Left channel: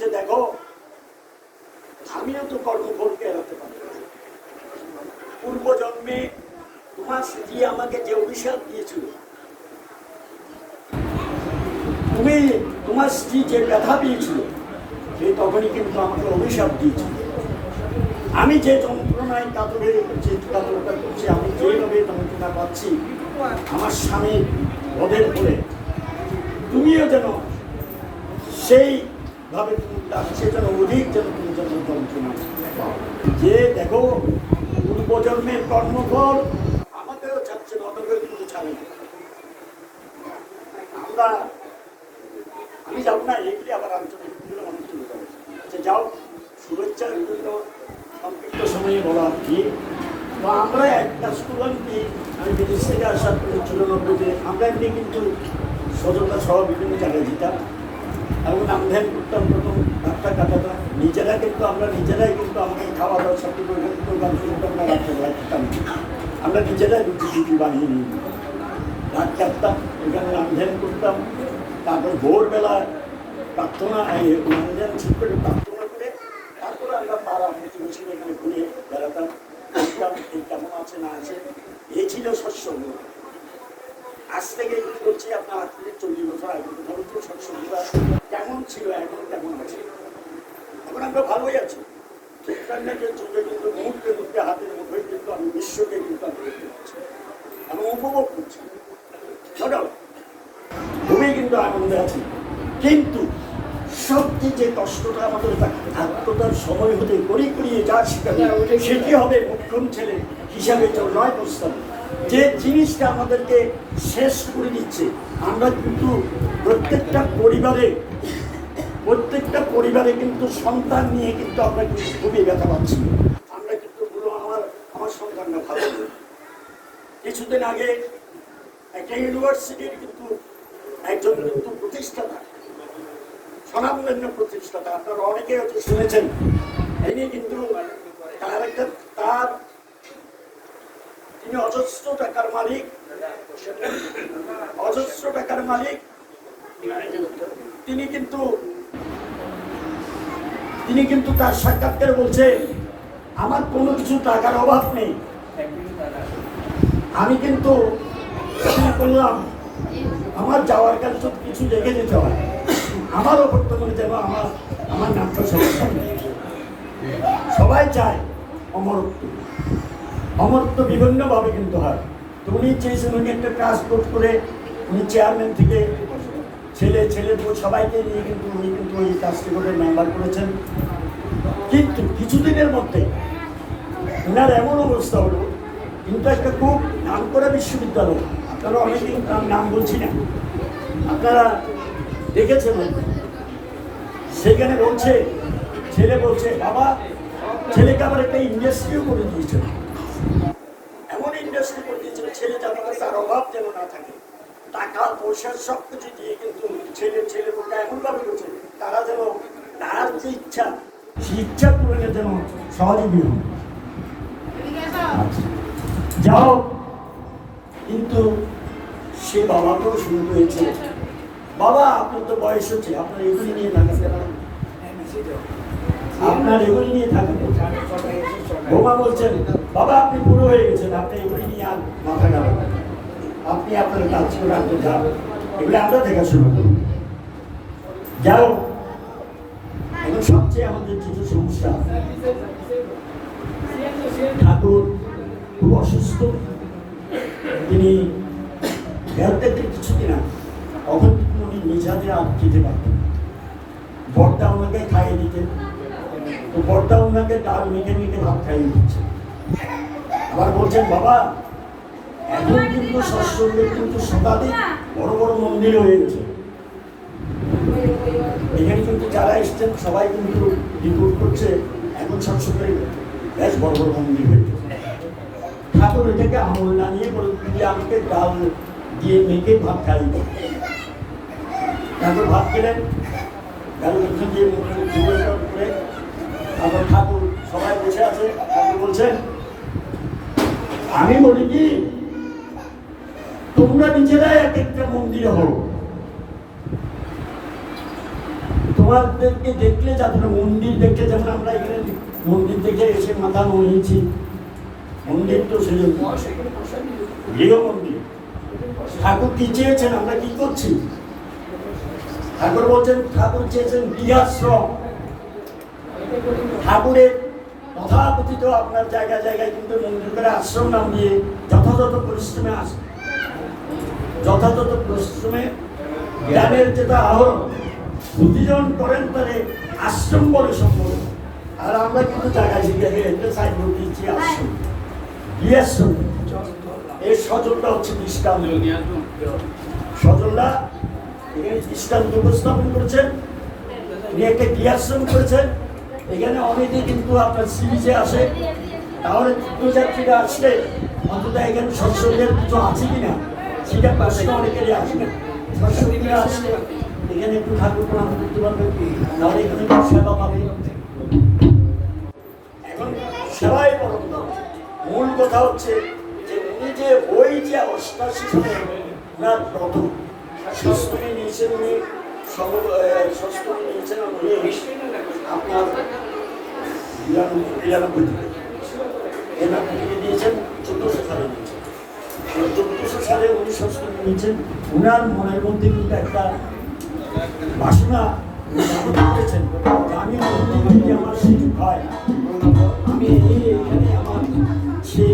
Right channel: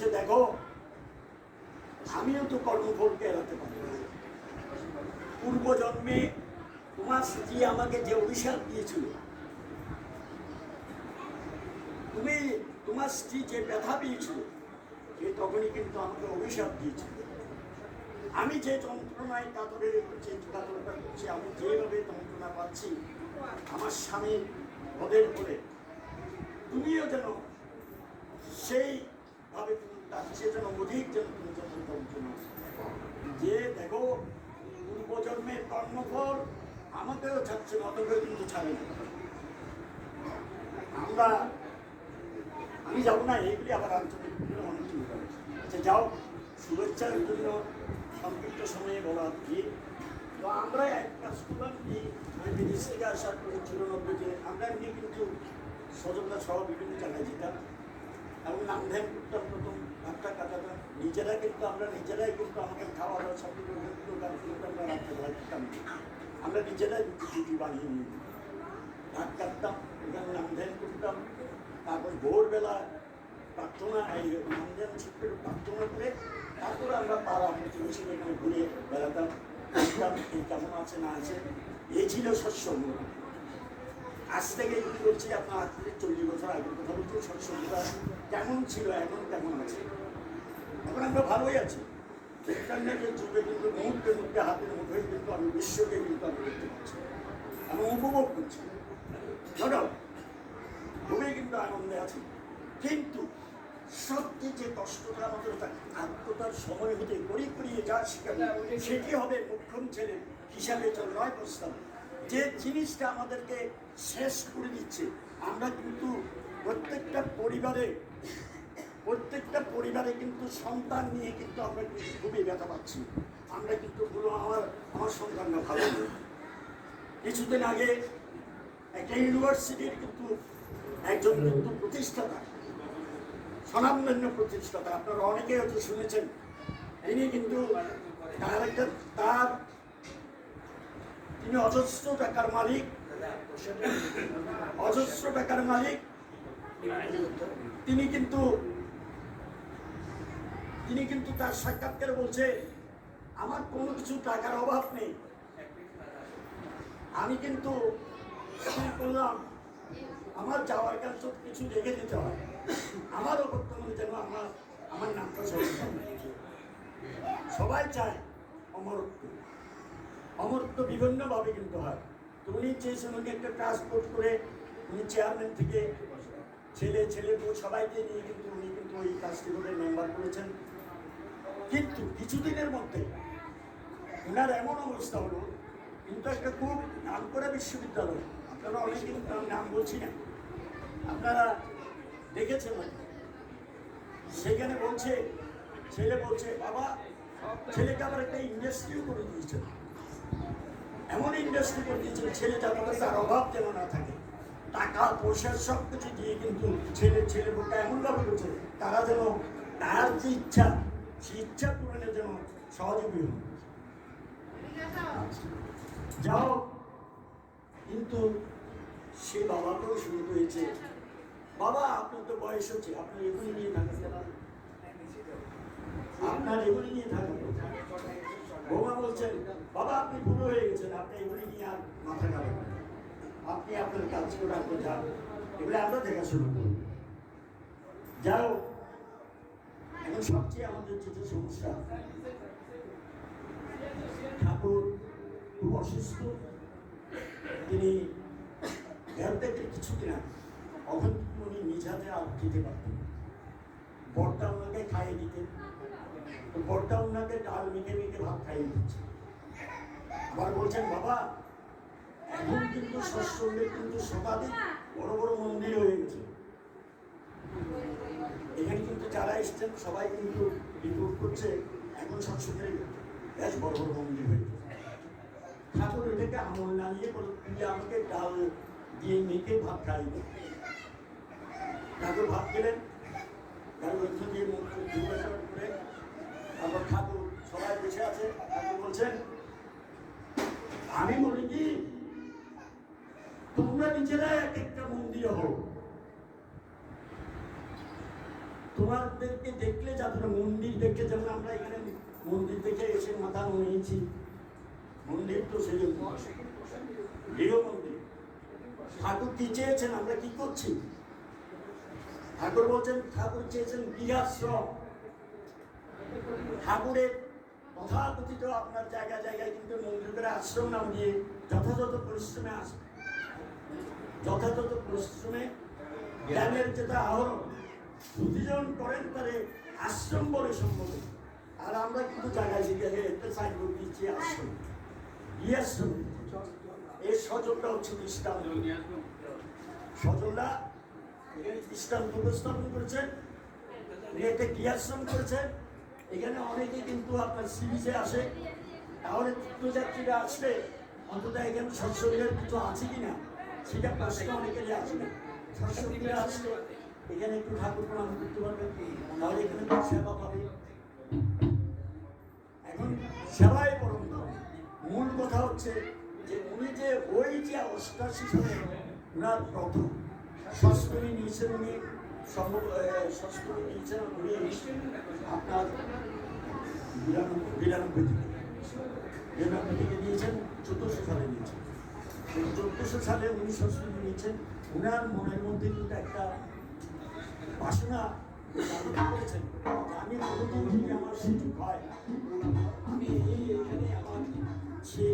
বলছে, দেখো আমিও তো কর্মফলকে এড়াতে পারি। পূর্ব জন্মে তোমার স্ত্রী আমাকে যে অভিশাপ দিয়েছিল, তুমি তোমার স্ত্রী যে ব্যথা দিয়েছিল, সে তখনই কিন্তু আমাকে অভিশাপ দিয়েছিল। আমি যে যন্ত্রণায় কাতরে কাতরটা করছি, আমি যেভাবে যন্ত্রণা পাচ্ছি আমার স্বামী বধের ফলে, তুমিও যেন সেইভাবে তুমি সে যেন অধিক যেন তুমি যেন যন্ত্রণা পাও। যে দেখো পূর্বজন্মের কর্মফল আমাদেরও ছাড়ছে না, অতকেও কিন্তু ছাড়ে না। আমি যাবো না, এগুলি আবার আলোচনা যে যাও শুভেচ্ছার জন্য সংক্ষিপ্ত সময়ে বলা কি। তো আমরা একটা স্কুল কি, আমি বিদেশ থেকে আসার 94-তে আমরা এমনি কিন্তু সজলতা সহ বিভিন্ন জায়গায় যেতাম এবং নাম ধ্যান করতাম, প্রথম ডাক্তার কাটাতাম আমরা নিজেরাই কিন্তু আমাদের খাওয়া দাওয়া সব কিছু গান শুনতাম, আমরা রাত্রেবেলা খেতাম, আমরা নিজেরাই রুটি বানিয়ে নিই, রাত কাটতাম, ওইখানে নাম ধ্যান করতাম। তারপর ভোরবেলা প্রার্থনা নাম ধ্যান ঠিক করে প্রার্থনা করে তারপরে আমরা পাড়া প্রতিবেশী এখানে ঘুরে বেড়াতাম, কেমন আছে না আছে। এই ছিল সৎসঙ্গ। আজ থেকে কি করছি আপনার 40 বছর আগে সৎসঙ্গটা কেমন ছিল, এখন কেমন আছে। এখন আমরা ভালোই আছি। ইন্টারনেটের যুগে কিন্তু মুহূর্তে মুহূর্তে হাতের মুঠোয় কিন্তু আমি বিশ্বকে কিন্তু আমি দেখতে পাচ্ছি এবং উপভোগ করছি। খুবই কিন্তু আনন্দে আছি। কিন্তু সবচেয়ে যে কষ্টটা আমাদের আত্মতার সময় হতে করিয়ে যা শিখাবে সেটি হবে মুখ্যম ছেলে হিসাবে নয় প্রস্তাব। যে জিনিসটা আমাদেরকে শেষ করে দিচ্ছে, আমরা কিন্তু প্রত্যেকটা পরিবারে কিন্তু সন্তান নিয়ে কিন্তু আমরা কিন্তু খুবই ব্যথা পাচ্ছি। আমরা কিন্তু আমার সন্তানরা ভালো। কিছুদিন আগে একটা ইউনিভার্সিটির কিন্তু একজন কিন্তু প্রতিষ্ঠাতা, স্বনামধন্য প্রতিষ্ঠাতা, আপনারা অনেকে হয়তো শুনেছেন। ইনি কিন্তু তিনি অজস্র টাকার মালিক। তিনি কিন্তু তার সাক্ষাৎকারে বলছে, আমার কোনো কিছু টাকার অভাব নেই, আমি কিন্তু করলাম আমার যাওয়ার কাছে সব কিছু রেখে যেতে হয়, আমারও বর্তমানে যেন আমার নামটা সবাই চায় অমরত্ব বিভিন্নভাবে কিন্তু হয়। তো উনি চেয়েছেন, উনি একটা ট্রান্সপোর্ট করে উনি চেয়ারম্যান থেকে ছেলে সবাইকে নিয়ে কিন্তু উনি কিন্তু ওই কাজটি করে মেম্বার করেছেন। কিন্তু কিছুদিনের মধ্যে ওনার এমন অবস্থা হলো, কিন্তু একটা খুব নাম করা বিশ্ববিদ্যালয়, আপনারা অনেকেই নাম বলছি না, আপনারা দেখেছেন, সেখানে ছেলে বলছে বাবা, ছেলেকে আবার একটা ইন্ডাস্ট্রিও করে দিয়েছিল, এমন ইন্ডাস্ট্রি করে দিয়েছিল ছেলে যাতে তার অভাব যেন না থাকে, টাকা পয়সা সব কিছু দিয়ে কিন্তু ছেলে বোকা এমনভাবে করছে তারা যেন তার যে ইচ্ছা সেই ইচ্ছা পূরণে যেন সহযোগী হন। যাও, কিন্তু সে বাবাকেও শুরু হয়েছে, বাবা আপনার তো বয়স হচ্ছে, আপনার এগুলি নিয়ে থাকেন, বোমা বলছেন, বাবা আপনি পুরো হয়ে গেছেন, আপনি এগুলি নিয়ে আর মাথা গাবেন, আপনি আপনার কাজ করে আপনি যান, এগুলি আমরা দেখাশোনা করুন। যাও, এখন সবচেয়ে আমাদের যেটা সমস্যা, ঠাকুর খুব অসুস্থ, তিনি হেলথ কিছুদিন আগে, তখন উনি নিজ হাতে আর খেতে পারতেন, বর্দা ওনাকে খাইয়ে দিতেন, তো বর্দা ওনাকে ডাল মেখে ভাত খাইয়ে দিচ্ছে। আবার বলছেন, বাবা এখন কিন্তু সৎসঙ্গের কিন্তু শতাধিক বড় বড় মন্দির হয়ে গেছে, এখানে কিন্তু যারা এসছেন সবাই কিন্তু রিপোর্ট করছে এখন সৎসঙ্গের বেশ বড় বড় মন্দির হয়েছে। ঠাকুর এটাকে আমল না নিয়ে বলে আমাকে ডাল দিয়ে মেখে ভাত খাইয়ে দিত। ঠাকুর ভাত খেলেন, ডাল মেখে দিয়ে করে, তারপর ঠাকুর সবাই বসে আছে, ঠাকুর বলছেন, আমি বলি কি তোমরা নিজেরাই এক একটা মন্দির হও, আমাদেরকে দেখলে যাতে না মন্দির দেখে, যেমন আমরা এখানে মন্দির দেখে এসে মাথা নিয়েছি, মন্দির তো সেজন্য গৃহ মন্দির। ঠাকুর কি চেয়েছেন, আমরা কি করছি? ঠাকুর বলছেন, ঠাকুর চেয়েছেন গৃহাশ্রম। ঠাকুরের তথাকথিত আপনার জায়গায় জায়গায় কিন্তু মন্দির করে আশ্রম নাম দিয়ে যথাযথ পরিশ্রমে আসে, যথাযথ পরিশ্রমে জ্ঞানের যেটা আহরণ প্রতিজন করেন তাহলে আশ্রম বলে সম্ভব। আর আমরা কিন্তু জায়গায় জায়গায় একটা সাইনবোর্ড দিচ্ছি আশ্রম, গৃহাশ্রম। এর সজলটা হচ্ছে দৃষ্টান্ত। সজলরা এখানে দৃষ্টান্ত উপস্থাপন করেছেন, উনি একটা গৃহাশ্রম করেছেন। এখানে অনেকে কিন্তু আপনার সি বিচে আসে, তাহলে তীর্থযাত্রীরা আসলে অন্তত এখানে সৎসঙ্গের কিছু আছে কিনা সেটা প্রশ্ন অনেকেরই আসে না। সৎসঙ্গীরা আসলে এখানে একটু ঠাকুর প্রণাম করতে পারবে, তাহলে এখানে একটু সেবা পাবে। এখন সেবাই পরম ধর্ম। মূল কথা হচ্ছে যে উনি যে ওই যে 88 সালে উনার প্রথম ষষ্ঠী নিয়েছেন, উনি ষষ্ঠী নিয়েছেন উনি আপনার 92 থেকে এনার থেকে দিয়েছেন 1400 সালে নিয়েছেন। 1400 সালে উনি ষষ্ঠী নিয়েছেন। উনার মনের মধ্যে কিন্তু একটা বাসনা করেছেন, আমি মন্দির আমার সুযোগ হয়, আমি এখানে আমার সেই